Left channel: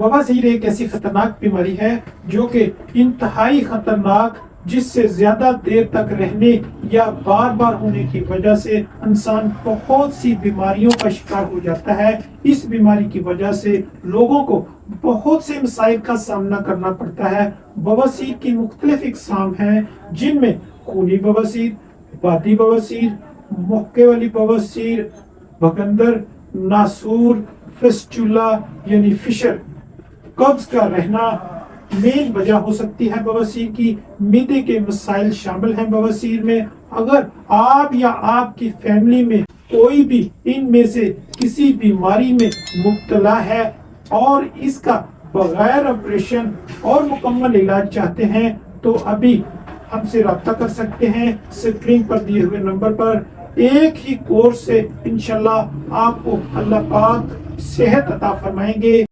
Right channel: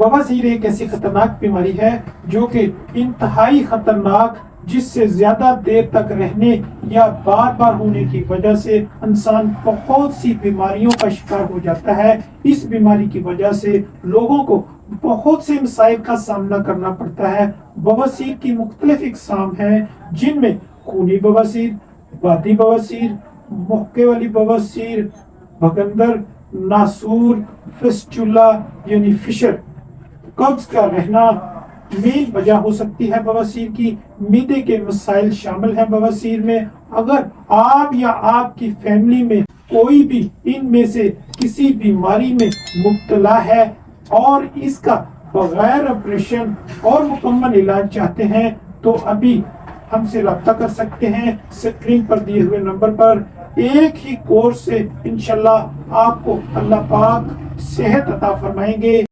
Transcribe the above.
بواسیر ایک ایسی خطرناک بیماری ہے جو کہ انتہائی خطرناک، جس سے زیادہ دیر تک رہنے یا بار بار ہونے کی وجہ سے انسان بہت سی بیماریوں کا شکار ہو جاتا ہے۔ اس بیماری کی وجہ سے لوگوں کو بہت سے مسائل کا سامنا کرنا پڑتا ہے۔ بواسیر کی مختلف اقسام ہیں، جن میں خونی بواسیر، بادی بواسیر، محکے والی بواسیر، بھگندر، ناسور، فسچولا یعنی فشر، قبض کا رہنا مین وجہ ہو سکتی ہے بواسیر کی۔ معدے کے مسائل شامل ہیں بواسیر میں۔ اگر آپ یا آپ کی فیملی میں کوئی بھی ان میں سے کسی بیماری میں مبتلا ہے اور اس کا بغیر آپریشن اور مکمل علاج چاہتے ہیں تو ابھی ہم سے رابطہ کر سکتے ہیں اسکرین پر دیے ہوئے نمبر پر۔ ایک ہی کورس سے انشاءاللہ آپ کو اللہ پاک صحت عطا فرمائیں گے۔